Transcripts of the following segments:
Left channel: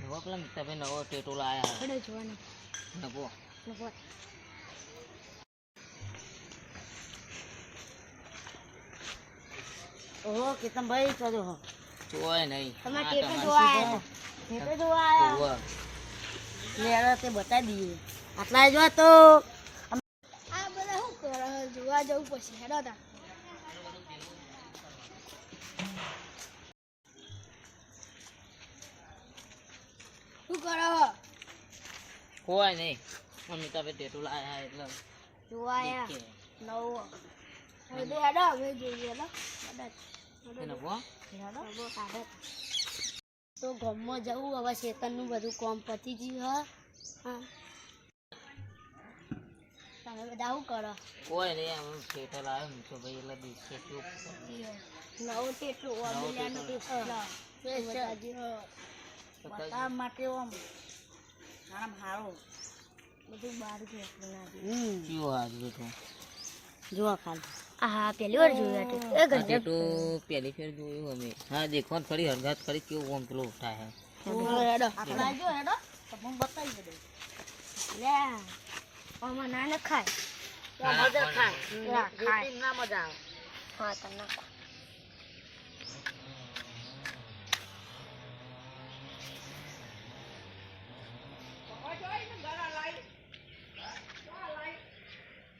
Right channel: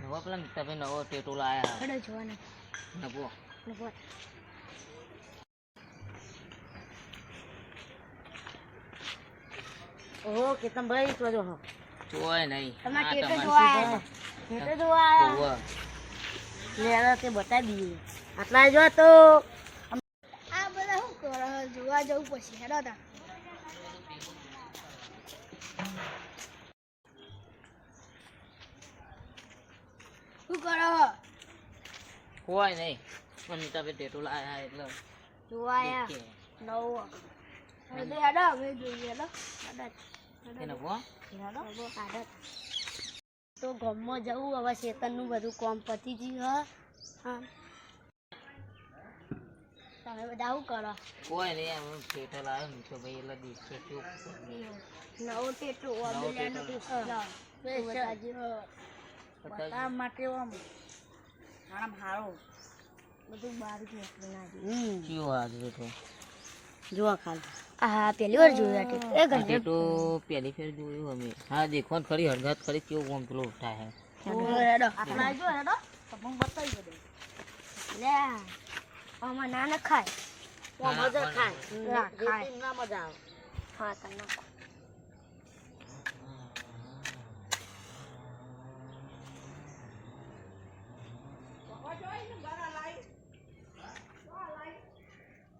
નવો પેલા મિત્તાભાઈ નવો ટેટો લાયા નવો ઓહો કેતનભાઈ જોજો હો જોય નહીં તમાર ટેટો જોવા ટેટો જોવા લેડો તે બતાવી દઈએ આટલા જો તો આ બધા શું કરો જોવા જવું પછી હેડો તા શું કરો હોય નહીં મિત્તાભાઈ ટેટો લાયા એટલે જોવાયા નવો હેડો અમે જોઈએ હેડો નવો તો ગામમાં જવું હવે શેતનનું બધું કામ પતી ગયું હા તમે બધા શું કરો કોઈ નહીં આમ ટેટો લાવ્યો મિત્તાભાઈ એટલે દિવસે ચૂપ નવો ટેટો અબેલાનો બતાવવા માટે આમ સારો બધું બહાર ગયું કેવું હાજર તો જોવા ખાલી હા પહેલી વાર જોયું એ ઘરે ટેટો પહેલી ફેર જોયું અમે હા દેખો ખરી હરગાત ખરી કેવું આમ પેલો ઉઠા હે હેડો આટલા જો હેડો તમને બતાવી દે લે આમાં ના નખાય મજા ખાય રેતી ના મજા આવે હા તને નાખો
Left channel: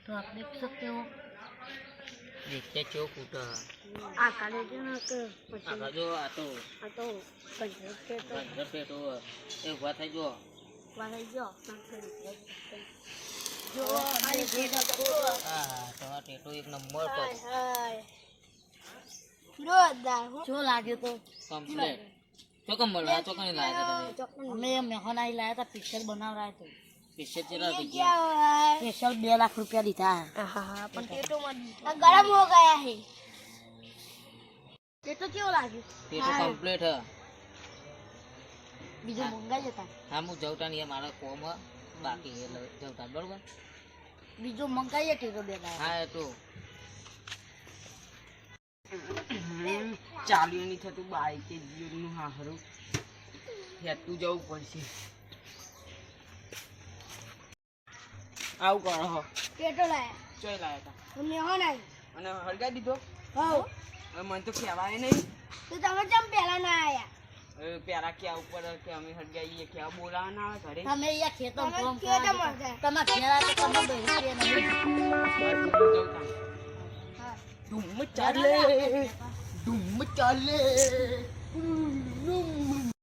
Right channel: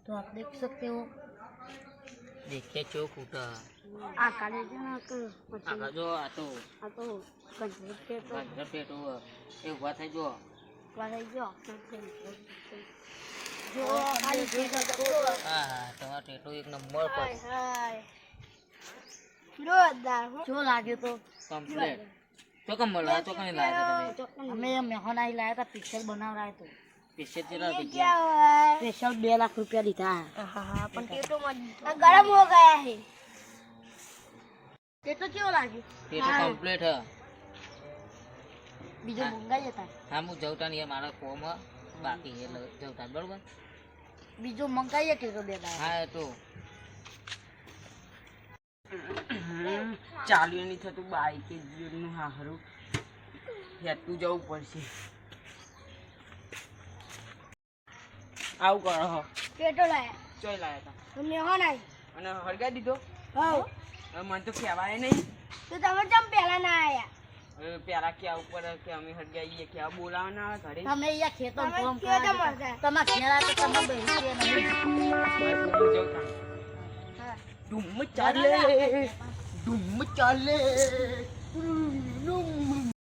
तो आप देख सकते हो દેખે ચોક ઉઠા આ કાલે જો ના તો આગળ જો આટો આ તો બંધ ટેટો ટેટો એ ઉભા થઈ જો વાળા જો હા તમારો ટેટો એક નંબર પર હાય જોરદાર જો લાગ્યો તો કમ્પ્લીટ તો કમ મળવા તો કઈ લાગ્યો તમે અમે મેહોનાઈ લાયા હતા પિક્ચર બનાવરાય તો પીછે ચલા થઈ ગયા क्या हुआ સ્પેશિયલ 2 લાખ રૂપિયા લીધા हाँ अपन टेटो मत गरम हो गया है તે તો કેવો લાગ્યો ટેટો કમ્પ્લીટ હે બીજો મંગાઈ જતા હા હું જવતા નહીં મારા કોમ બાકી છે એટલે જવતા બરોબર બીજો મંગાઈએ ટેટો દેતા હા એ તો ચાલ્યું નહીં થતું બાઈકે જીવનનું હારું હેતું જવું પડશે આવું કરો હો टेटो लाया ચોઈ લાયા હતા तुमने हो नहीं અને હળગાઈ દીધો हाँ હવે મને તો કહેવાય નહીં तो तुम जम पहला ना आया હવે પેલા ક્યાં ઉપર કે અમે હળગાઈએ ક્યાં બોલાવવાના આવે ઘરે તમે અહીંયા ખેતર તમે કામ ક્યાં કરવા જમા જતા. હતા? તમારા ઘેરા તો તમે બેસી કે નહીં हाँ ધૂમ ચાલે ધૂમ ચાલે ધૂમ